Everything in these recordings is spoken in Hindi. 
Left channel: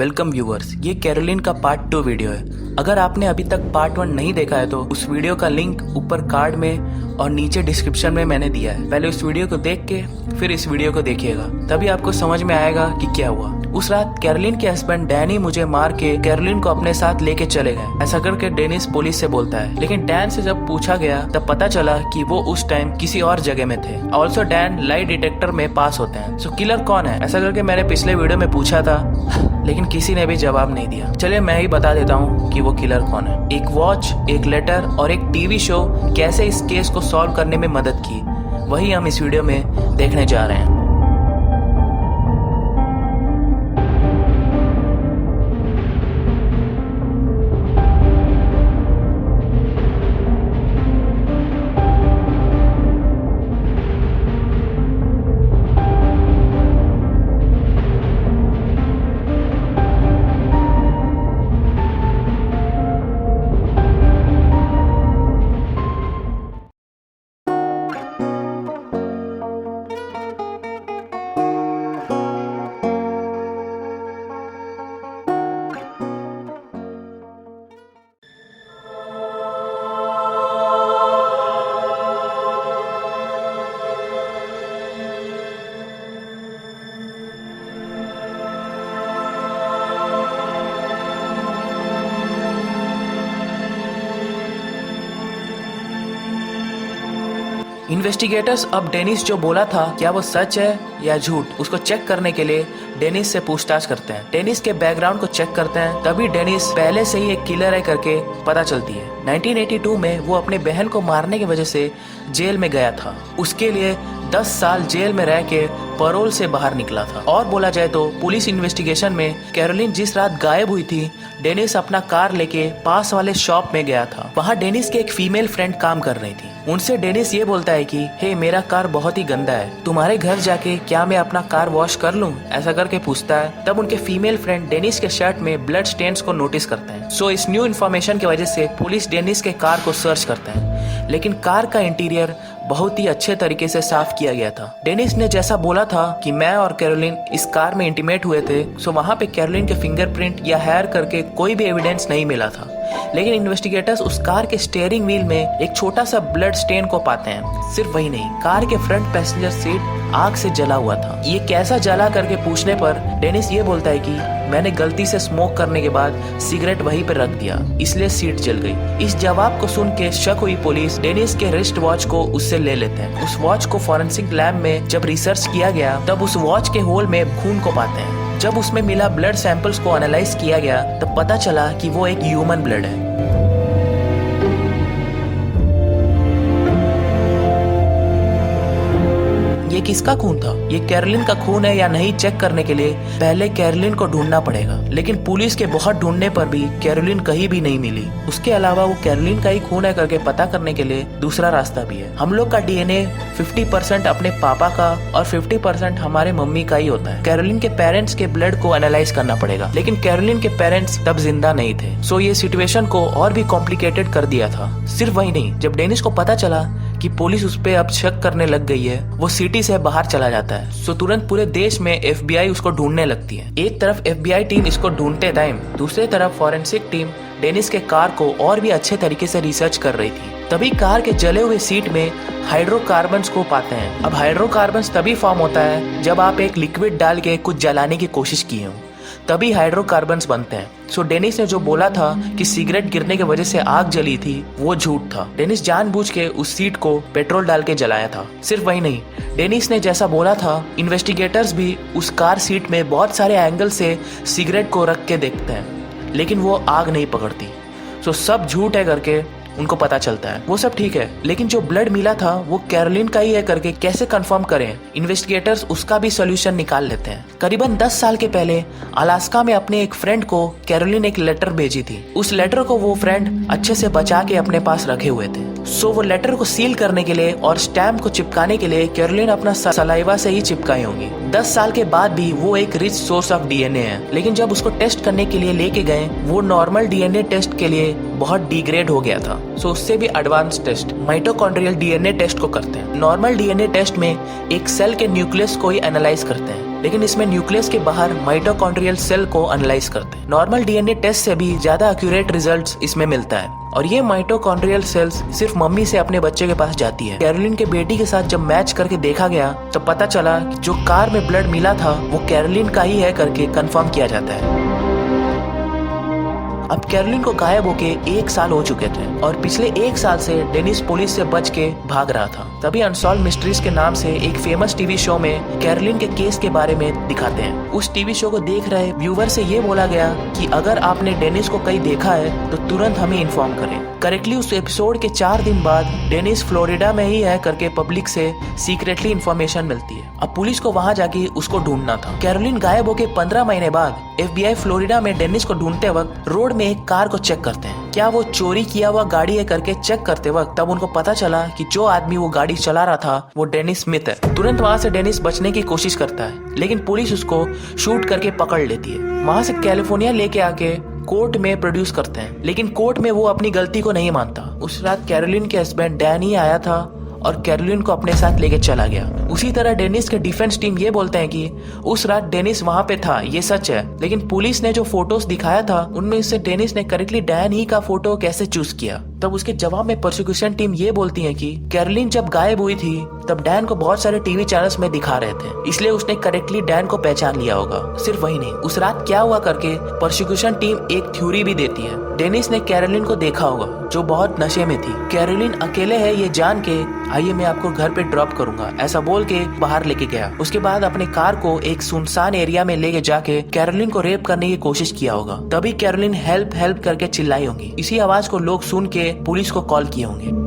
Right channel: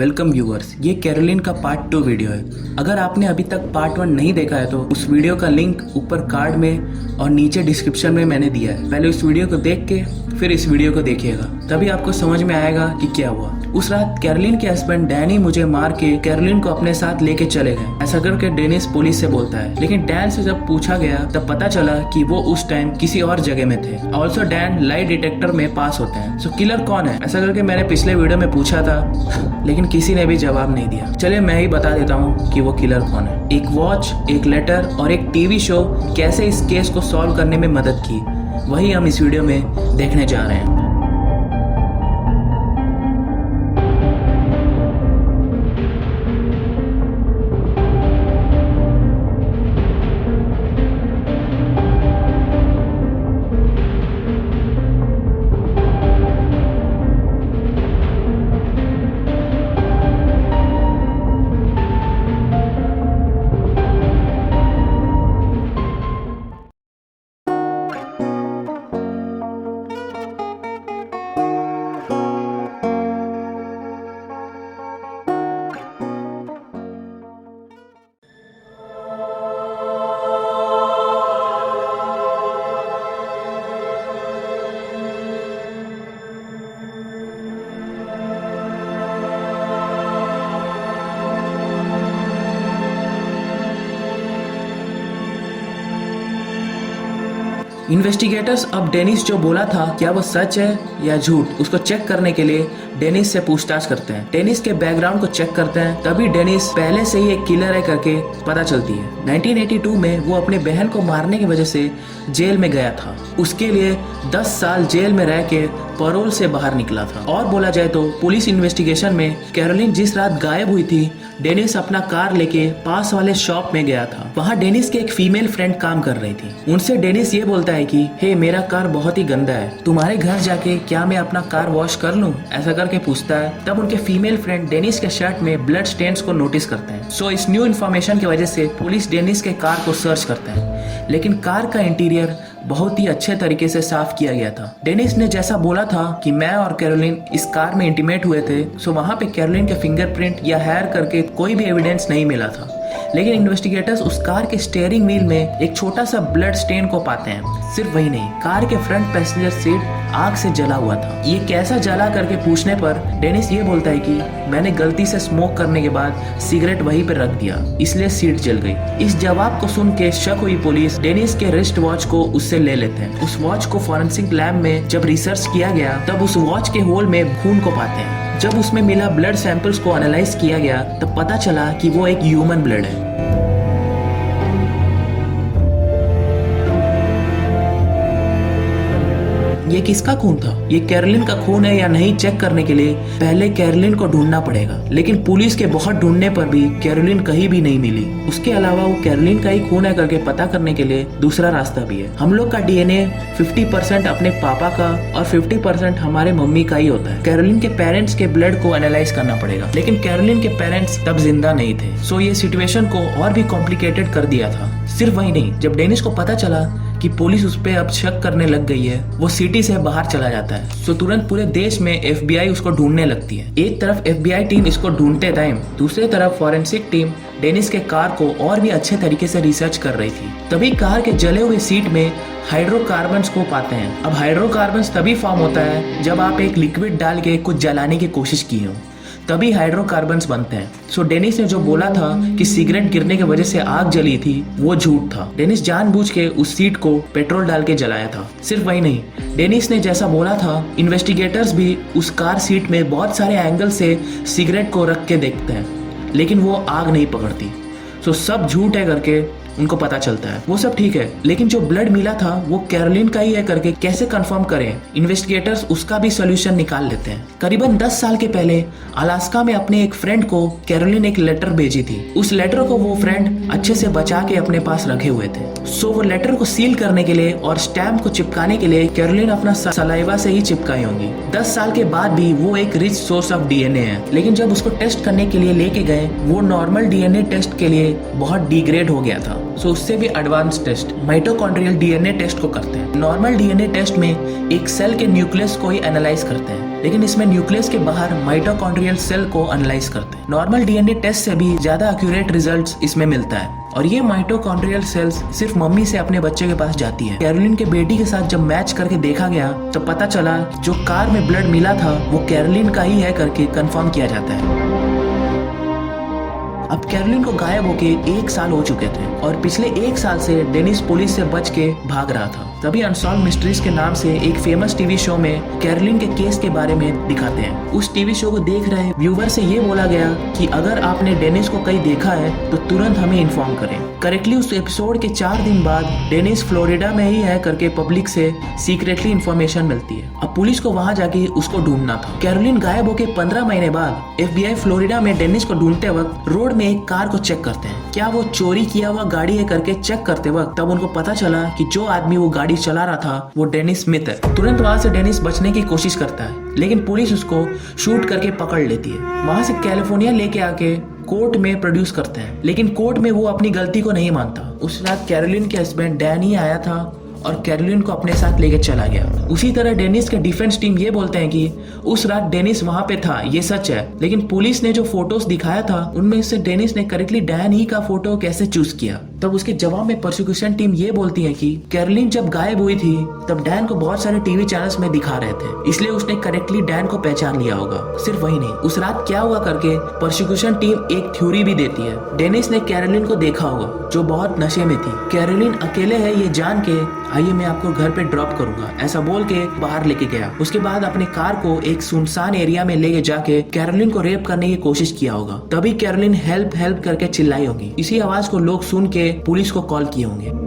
वेलकम व्यूअर्स, ये कैरोलिन का पार्ट 2 वीडियो है। अगर आपने अभी तक पार्ट 1 नहीं देखा है तो उस वीडियो का लिंक ऊपर कार्ड में और नीचे डिस्क्रिप्शन में मैंने दिया है। पहले उस वीडियो को देख के फिर इस वीडियो को देखिएगा, तभी आपको समझ में आएगा कि क्या हुआ। उस रात कैरोलिन के हस्बैंड डैनी मुझे मार के कैरोलिन को अपने साथ लेके चले गए, ऐसा करके डेनिस पुलिस से बोलता है। लेकिन डैन से जब पूछा गया तब पता चला कि वो उस टाइम किसी और जगह में थे। ऑल्सो डैन लाई डिटेक्टर में पास होते हैं। सो किलर कौन है, ऐसा करके मैंने पिछले वीडियो में पूछा था, लेकिन किसी ने भी जवाब नहीं दिया। चलिए मैं ही बता देता हूँ कि वो किलर कौन है। एक वॉच, एक लेटर और एक टीवी शो कैसे इस केस को सॉल्व करने में मदद की, वही हम इस वीडियो में देखने जा रहे हैं। इन्वेस्टिगेटर्स अब डेनिस जो बोला था क्या वो सच है या झूठ, उसको चेक करने के लिए डेनिस से पूछताछ करते हैं। डेनिस के बैकग्राउंड को चेक करते हैं, तभी डेनिस पहले से ही एक किलर है करके पता चलती है। 1982 में वो अपने बहन को मारने की वजह से जेल में गया था। उसके लिए 10 साल जेल में रह के पैरोल से बाहर निकला था। और बोला जाए तो पुलिस इन्वेस्टिगेशन में कैरोलिन जिस रात गायब हुई थी, डेनिस अपना कार लेके पास वाले शॉप में गया था। वहाँ डेनिस की एक फीमेल फ्रेंड काम कर रही थी। उनसे डेनिस ये बोलता है कि हे, मेरा कार बहुत ही गंदा है, तुम्हारे घर जाके क्या मैं अपना कार वॉश कर लूं, ऐसा करके पूछता है। तब उनके फीमेल फ्रेंड डेनिस के शर्ट में ब्लड स्टेन्स को नोटिस करते हैं। सो इस न्यू इन्फॉर्मेशन की वजह से पुलिस डेनिस के कार को सर्च करते हैं, लेकिन कार का इंटीरियर बहुत ही अच्छे तरीके से साफ किया गया था। डेनिस ने जैसा बोला था कि मैं और कैरोलिन इस कार में इंटीमेट हुए थे, सो वहाँ पे कैरोलिन के फिंगरप्रिंट या हेयर करके कोई भी एविडेंस नहीं मिला था। लेकिन इन्वेस्टिगेटर्स उस कार के स्टीयरिंग व्हील में एक छोटा सा ब्लड स्टेन को पाते हैं। सिर्फ वही नहीं, कार के फ्रंट पैसेंजर सीट आग से जला हुआ था। ये कैसा जला करके पूछने पर डेनिस ये बोलता है कि मैंने गलती से स्मोक करने के बाद सिगरेट वहीं पे रख दिया, इसलिए सीट जल गई। इस जवाब को सुन के शक हुई पुलिस डेनिस के रिस्ट वॉच को उससे ले लेते हैं। उस वॉच को फॉरेंसिक लैब में जब रिसर्च किया गया तब उस वॉच के होल में खून को पाते हैं। जब उसमें मिला ब्लड सैंपल्स को एनालाइज किया गया तब पता चला कि वो एक ह्यूमन ब्लड है। ये किसका खून था, ये कैरोलिन का खून है या नहीं चेक करने के लिए पहले कैरोलिन को ढूंढना पड़ेगा। लेकिन पुलिस के बहुत ढूंढने पर भी कैरोलिन कहीं भी नहीं मिली। उसके अलावा वो कैरोलिन का ही खून है करके पता करने के लिए दूसरा रास्ता भी है। हम लोग का डीएनए 50% अपने पापा का और 50% हमारे मम्मी का ही होता है। कैरोलिन के पेरेंट्स के ब्लड को एनालाइज करना पड़ेगा, लेकिन कैरोलिन के पेरेंट्स तब जिंदा नहीं थे। सो ये सिचुएशन को और भी कॉम्प्लिकेटेड कर दिया था। सिर्फ वही नहीं, जब डेनिस को पता चला कि पुलिस उस पे अब शक करने लग गई है, वो सिटी से बाहर चला जाता है। सो तुरंत पूरे देश में एफबीआई उसको ढूंढने लगती है। एक तरफ एफबीआई टीम इसको ढूंढते टाइम दूसरी तरफ फॉरेंसिक टीम डेनिस के कार को और भी अच्छे तरीके से रिसर्च कर रही थी। तभी कार के जले हुए सीट में हाइड्रोकार्बन्स को पाते हैं। अब हाइड्रोकार्बन्स तभी फॉर्म होता है जब आप एक लिक्विड डाल के कुछ जलाने की कोशिश की हो, तभी हाइड्रोकार्बन्स बनते हैं। सो डेनिस ने जो बोला था कि सिगरेट गिरने की वजह से आग जली थी, वो झूठ था। डेनिस जानबूझ के उस सीट को पेट्रोल डाल के जलाया था। सिर्फ वही नहीं, डेनिस ने जैसा बोला था, इन्वेस्टिगेटर्स भी उस कार सीट में बहुत सारे एंगल से सिगरेट को रख के देखते हैं, लेकिन वो आग नहीं पकड़ती। सो सब झूठ है करके उनको पता चलता है। वो सब ठीक है, लेकिन जो ब्लड मिला था वो कैरोलिन का ही है करके कैसे कंफर्म करें। इन्वेस्टिगेटर्स उसका भी सॉल्यूशन निकाल लेते हैं। करीबन 10 साल के पहले अलास्का में अपने एक फ्रेंड को कैरोलिन एक लेटर भेजी थी। उस लेटर को वो फ्रेंड अच्छे से बचा के अपने पास रखे हुए थे। सो वो लेटर को सील करने के लिए और स्टैम्प को चिपकाने के लिए कैरोलिन अपना सलाइवा से ही चिपकाई होंगी। 10 साल के बाद भी वो एक रिच सोर्स ऑफ डीएनए है, लेकिन जब उसको टेस्ट करने के लिए लेके गए, वो नॉर्मल डीएनए टेस्ट के लिए बहुत डिग्रेड हो गया था। सो उससे भी advance test mitochondrial DNA test को करते हैं। नॉर्मल डीएनए टेस्ट में एक सेल के न्यूक्लियस को ही एनालाइज करते हैं, लेकिन इसमें न्यूक्लियस के बाहर माइटोकॉन्ड्रियल सेल को एनालाइज करते हैं। नॉर्मल डीएनए टेस्ट से भी ज्यादा एक्यूरेट रिजल्ट्स इसमें मिलता है। और ये माइटोकॉन्ड्रियल सेल्स सिर्फ मम्मी से अपने बच्चे के पास जाती है। कैरोलिन के बेटी के साथ जब मैच करके देखा गया तो पता चला कि जो कार में ब्लड मिला था वो कैरोलिन का ही है करके कंफर्म किया जाता है। अब कैरोलिन को गायब होके 1 साल हो चुके थे और पिछले 1 साल से डेनिस पुलिस से बच के भाग रहा था। तभी अनसॉल्व मिस्ट्रीज के नाम से एक फेमस टीवी शो में कैरोलिन के केस के बारे में दिखाते हैं। उस टीवी शो को देख रहे व्यूवर से ये बोला गया कि अगर आपने डेनिस को कहीं देखा है तो तुरंत हमें इन्फॉर्म करें। करेक्टली उस एपिसोड के 4 दिन बाद डेनिस फ्लोरिडा में ही है करके पब्लिक से सीक्रेटली इन्फॉर्मेशन मिलती है। अब पुलिस को वहां जाके उसको ढूंढना था। कैरोलिन गायब होके 15 महीने बाद FBI फ्लोरिडा में डेनिस को ढूंढते वक्त रोड में एक कार को चेक करते हैं। क्या वो चोरी किया हुआ गाड़ी है करके चेक करते वक्त तब उनको पता चला कि जो आदमी वो गाड़ी चला रहा था वो डेनिस स्मिथ है। तुरंत वहां से डेनिस बचने की कोशिश करता है, लेकिन पुलिस उसको शूट करके पकड़ लेती है। वहां से कैलिफोर्निया लेके आके कोर्ट में प्रोड्यूस करते हैं, लेकिन कोर्ट में वो अपनी गलती को नहीं मानता। उस रात कैरोलिन के हस्बैंड डैन ही आया था और कैरोलिन को अपने साथ लेके चला गया। उसी तरह डेनिस के डिफेंस टीम ये बोलते हैं कि उस रात डेनिस वहां पे था, ये सच है, लेकिन पुलिस ने जो फोटोज दिखाया था उनमें से डेनिस ने करेक्टली डैन ही का फोटो कैसे चूज किया। तब उसके जवाब में प्रोसिक्यूशन टीम ये बोलती है कि कैरोलिन जब गायब हुई थी तब डैन को बहुत सारे टीवी चैनल्स में दिखा रहे थे, इसलिए उसने करेक्टली डैन को पहचान लिया होगा। सिर्फ वही नहीं, उस रात क्या हुआ करके प्रोसिक्यूशन टीम एक थ्योरी भी देती है। डेनिस ने कैरोलिन को देखा होगा जो बहुत नशे में थी। कैरोलिन अकेले है ये जान के आइए मैं आपको घर पे ड्रॉप करूंगा ऐसा बोल के बाहर लेके गया। उसके बाद अपने कार को एक सुनसान एरिया में लेके जाके कैरोलिन को रेप करने की कोशिश किया होगा। तभी कैरोलिन हेल्प हेल्प करके चिल्लाई होगी। इसी आवाज को लोग सुन के पुलिस को कॉल किए होंगे।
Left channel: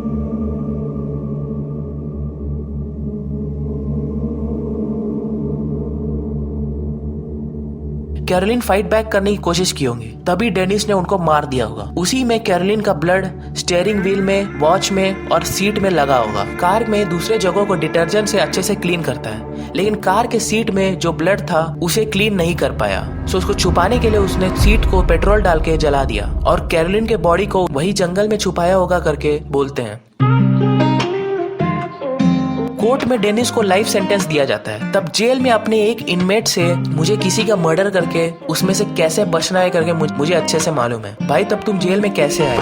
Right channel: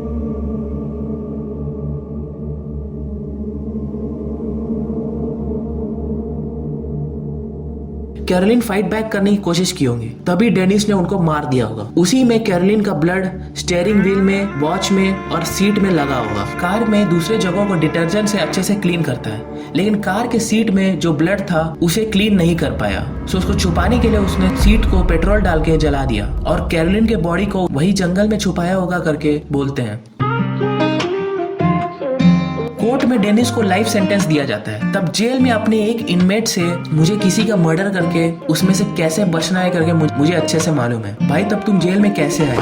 कैरोलिन फाइट बैक करने की कोशिश की होंगी, तभी डेनिस ने उनको मार दिया होगा। उसी में कैरोलिन का ब्लड स्टीयरिंग व्हील में, वॉच में और सीट में लगा होगा। कार में दूसरे जगहों को डिटर्जेंट से अच्छे से क्लीन करता है, लेकिन कार के सीट में जो ब्लड था उसे क्लीन नहीं कर पाया। सो उसको छुपाने के लिए उसने सीट को पेट्रोल डाल के जला दिया और कैरोलिन के बॉडी को वही जंगल में छुपाया होगा करके बोलते हैं। कोर्ट में डेनिस को लाइफ सेंटेंस दिया जाता है। तब जेल में अपने एक इनमेट से मुझे किसी का मर्डर करके उसमें से कैसे बचना है करके मुझे अच्छे से मालूम है। भाई तब तुम जेल में कैसे आए?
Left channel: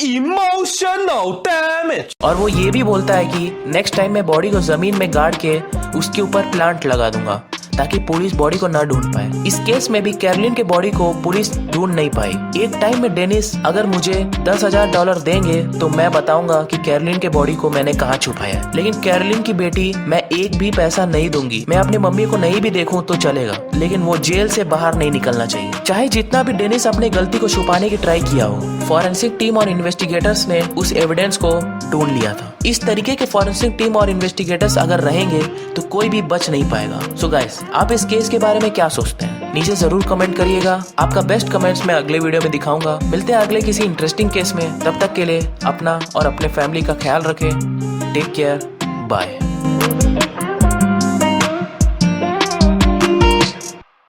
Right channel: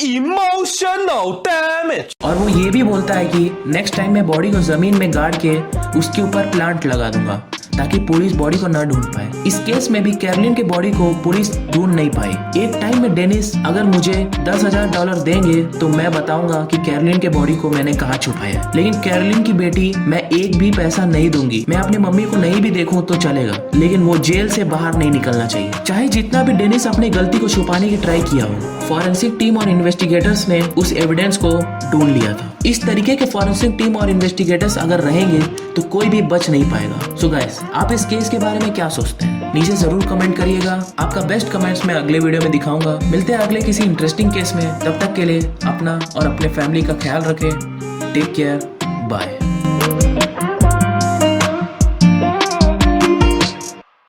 Emotional damage। और वो ये भी बोलता है कि नेक्स्ट टाइम मैं बॉडी को जमीन में गाड़ के उसके ऊपर प्लांट लगा दूंगा ताकि पुलिस बॉडी को न ढूंढ पाए। इस केस में भी कैरोलिन के बॉडी को पुलिस ढूंढ नहीं पाई। एक टाइम में डेनिस अगर मुझे $10,000 देंगे तो मैं बताऊंगा कि कैरोलिन के बॉडी को मैंने कहाँ छुपाया, लेकिन कैरोलिन की बेटी मैं एक भी पैसा नहीं दूंगी। मैं अपनी मम्मी को नहीं भी देखूं तो चलेगा, लेकिन वो जेल से बाहर नहीं निकलना चाहिए, चाहे जितना भी डेनिस अपनी गलती को छुपाने की ट्राई किया हो। फॉरेंसिक टीम और इन्वेस्टिगेटर्स ने उस एविडेंस को ढूंढ लिया था। इस तरीके के फॉरेंसिक टीम और इन्वेस्टिगेटर्स अगर रहेंगे तो कोई भी बच नहीं पाएगा। सो गाइस, आप इस केस के बारे में क्या सोचते हैं? नीचे जरूर कमेंट करिएगा। आपका बेस्ट कमेंट्स मैं अगले वीडियो में दिखाऊंगा। मिलते हैं अगले किसी इंटरेस्टिंग केस में। तब तक के लिए अपना और अपने फैमिली का ख्याल रखें। Take care, bye.